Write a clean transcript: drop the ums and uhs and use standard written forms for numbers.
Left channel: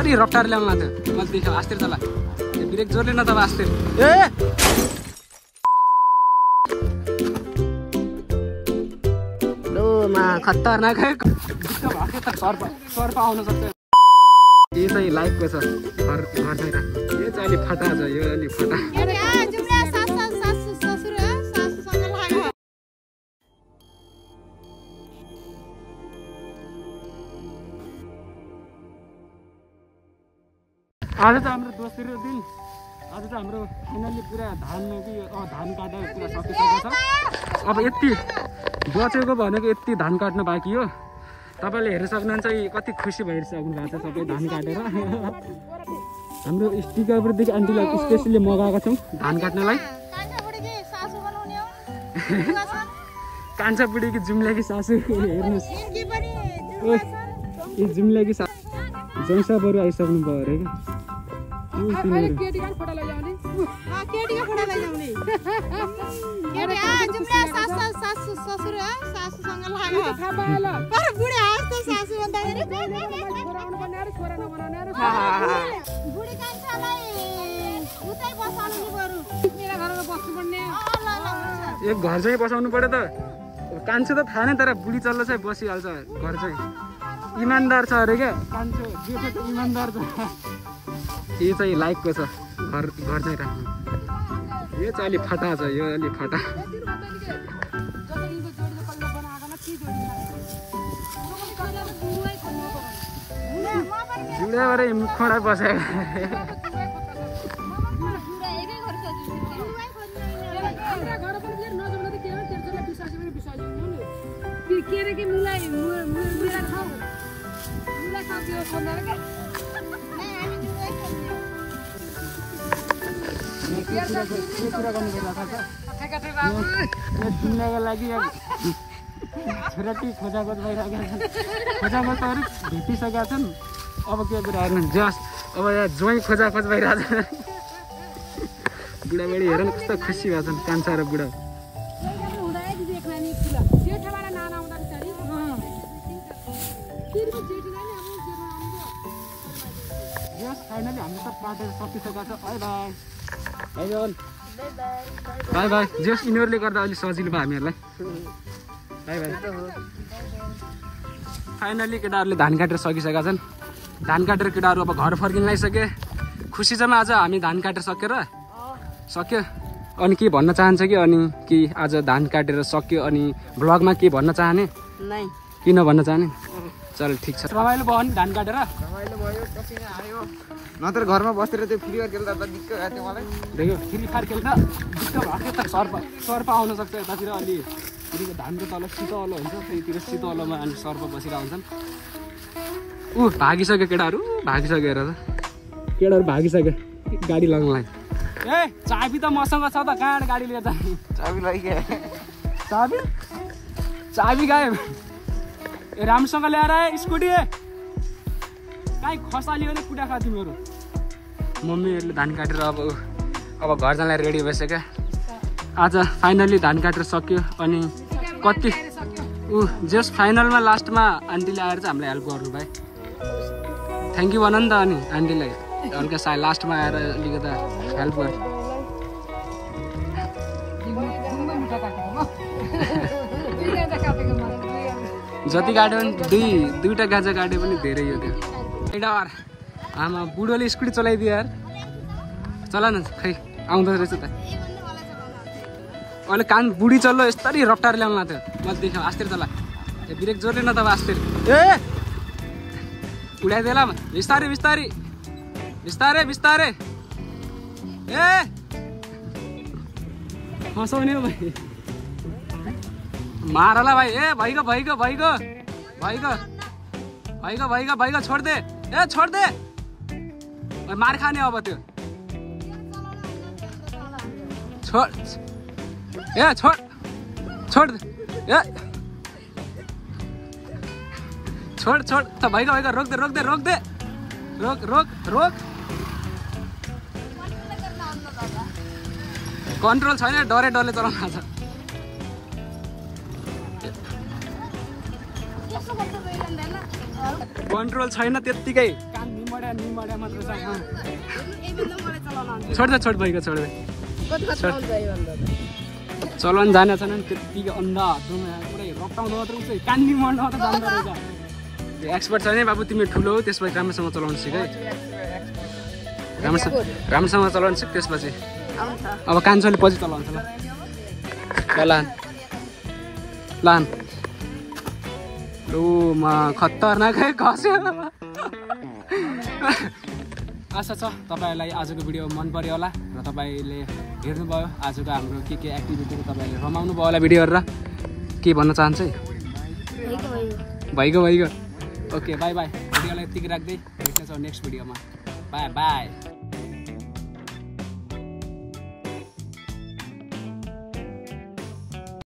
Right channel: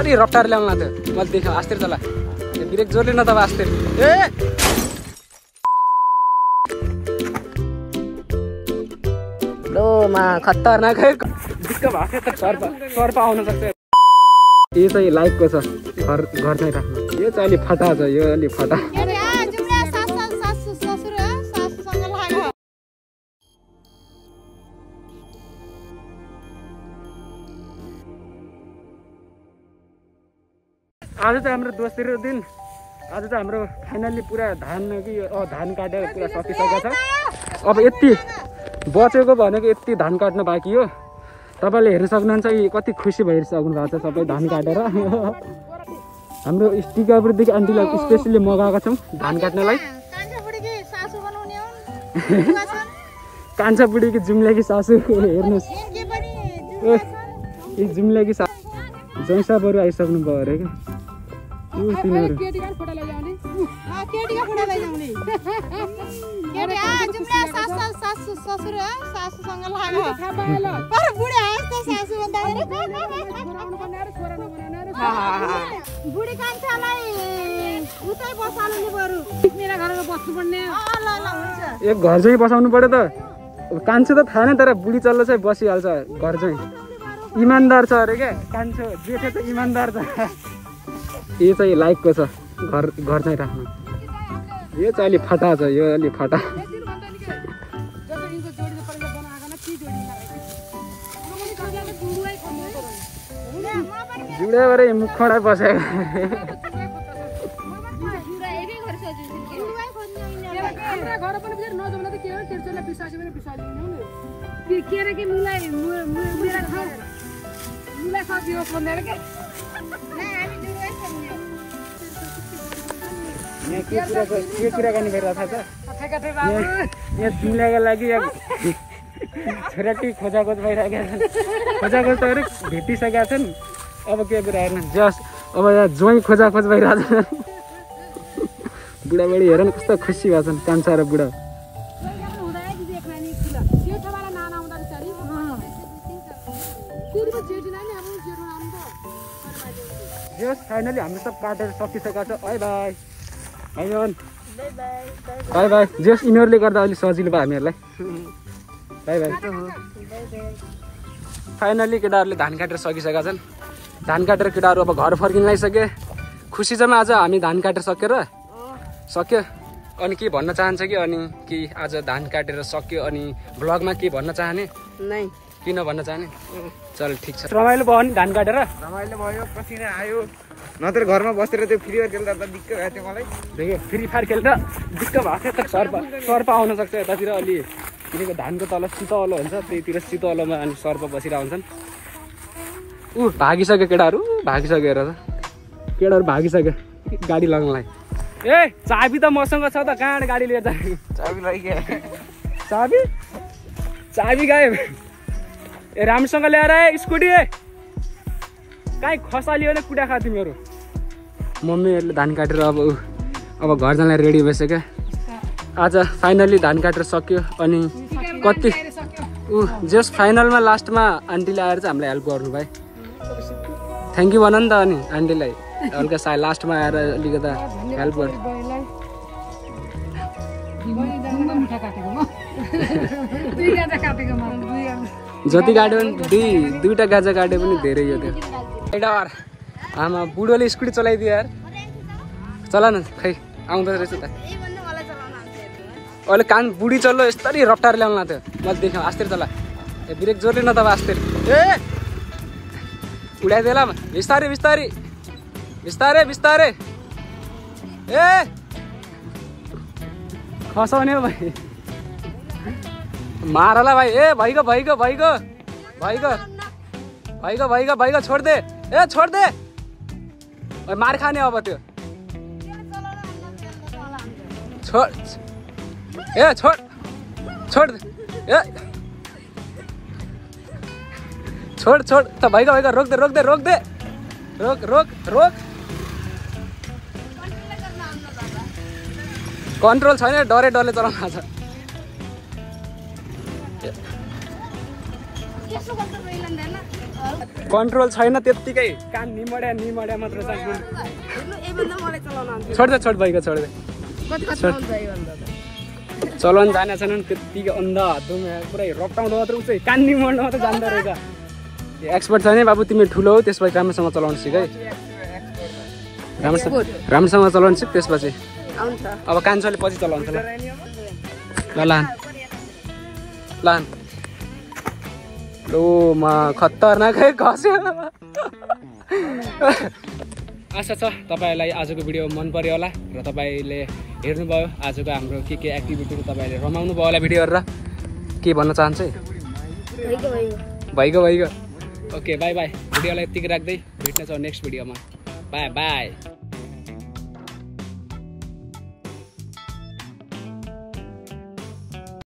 यस्तरी रफ्तार ल्याउनु लाग्थ्यो मैले देखेँ आस्ते चला ब्रेक जोडले न तब आस्ते ए लो मा खतरनाक दिक्क भएको त सर्प आउन सक्छ यो चाहिँ लाइकको छ घर चाहिँ राख्नु यो चाहिँ अलि फटा छ यो अलि फटा आज चाहिँ हाम्रो दोस्रो दिन आज चाहिँ हाम्रो फाइनल्ली पुरा धान काटेर पुरा सकिसकेको छ अब यति बचेको भनेको यति धान काट्न बाँकी हो तपाईँले हेर्न सक्नुहुन्छ कि कति खुसी भइसक्नु भएको छ सबै धान काटेर हाम्रो टिकापुरदेखि आन्टीलाई स्पेसली मगाएका छौँ धान काट्नलाई कान्छा बुढीकी जुम्ल्याकी सासू हेर्नुहोस् ए जुम्ल्याकी सासू जैसा बरु आइसक्नु भयो अरे एक घर चाहिँ बसाउनु पर्यो त कान्छो त थाहा नै तर बुढी चल्लो चाहिँ बसिहाल्छ घर चाहिँ इमान्दार छ अरे क्या कान्छो जेठो त इमान्दार छ यो चाहिँ लाइकको छ घर चाहिँ राख्नु यो चाहिँ अलि फटा छ यो अलि फटा जुडा भएर मुख खडा बसेको के कुराकानी गरिरहेको छ यहाँ जुम्ल्याको लागि छोराटी खोजाखोज भइरहेका छन् खोजाखोज त अरे भेटिसकेका छन् अब के कुरा हेर्नु जस अब यहाँ ज्वाइँ खोजाखोज भइरहेको छ बुढाबुढी हेर न कस्तो खुसी भएको छन् कान्छा र बुढा यस फाइनली हाम्रो सब काटेर सकिसकेको छ बाई बाई बाई बाई जस यिनीहरूले गर्दा अलिक सजिलो भयो हामीहरूलाई बाई बाई फाइनली केटाहरूले धान काटेर सकिसकेका छन् धान काटेर केटाहरू अब घर फर्किन लागिसके खुसी छ आज हामी धान काटेर सक्यो अनि के भन्न चाहन्छ कि अनि कि आज धान काटेर सक्यो अनि ब्लगमा के भन्न चाहने नै किन भन्न चाहने चल ठिक छ रमाइलो भयो नि धान काटेर रमाइलो भयो पसिना आयो नत्र घरमा बसेर त्यो फ्री फायर खेल्दा त दिक्क भयो त्यो मलाई देखियो फ्री फायर खेल्दा दिक्क भएको त सर्प आउन सक्छ यतातिर अलि किनकि धानको तल शीतल हुन्छ त्यहीतिर शीतलमा अनि सर्प बसिरहेको हुन्छन् भागिसक्यो केटाहरू भागिसक्यो हेर त केटाहरू भागिसक्यो गाडी लगाउनलाई ए चाबी त मसँग छ त कहाँ गाडी लिएर जाने चाबी लैके चाबी गायब ए राम्रोसँग ल्याएर स्कुटी कहीँ खसालियो भने कुटा खा तिमीहरू मम्मीहरूले धान काटेर अब घर जानलाई रेडी भइसक्यो आज फाइनल्ली धान काटेर सक्यो अनि कति जस्ट फाइनलमा लास्टमा आन्टीले आएर चाहिँ हामीलाई हेल्प गर्नु भाइ थ्याङ्क यू भन नि त अनि आन्टीलाई हल्का लास्टमा आएर अलिकता हेल्प गर जति काट्यो भने दुईवटा गाजा काट्यो पनि धेरै हो त्यो डर आमा बुढोले स्कुटी चलाइदियो यार चला न खै आउँदो रहेछ त अहिले कान बुढी चल्लो यस्तरी रफ्तार ल्याउनु लाग्थ्यो मैले देखेँ आस्ते चला ब्रेक जोडले न तब आस्ते ए उडाइदिएला बिस्तारै बिस्तारै बिस्तारै बिस्तारै ए खसाउने हो भाइ मारला भाइ ए भइगयो छोड दे ए छोड दे मार खाने अब त्यो छोड ए छोड ए छोड त भइगयो रोक दे रोक कन्ट्रोल छैन डरे चलाउनु छ कन्ट्रोल छैन त्यत्तिकै कान निमड्या मात्र छ छोड भइगयो छोड चलाउन जाने छैन त्यत्तिकै अन्धा हातमा पुरै रप्टाउँदा मात्र उच्च कान निमड्न मात्र जान्दो रहेछ एक्सपर्ट छैन बाबु तिमी ठुलो हो त्यसपछि राम्रोसँग चलाउन सिक है राम्रोसँग चलाउन सिक त्यसपछि अब कान्छोले पछि चलाउँछ लान लो म खतरनाकै खस्यो आशा छ तपाईँलाई आजको भिडियो मन पर्यो होला र तपाईँले हेर्नुभयो आजको हाम्रो के एक्टिभिटीको तपाईँले रमाउनु भयो होला भिडियो हेरेर के भन्न चाहन्छ भइगयो ओके बाई भिडियोलाई यतिकै राख्दै भेट्नेछौँ नेक्स्ट भिडियोमा बाई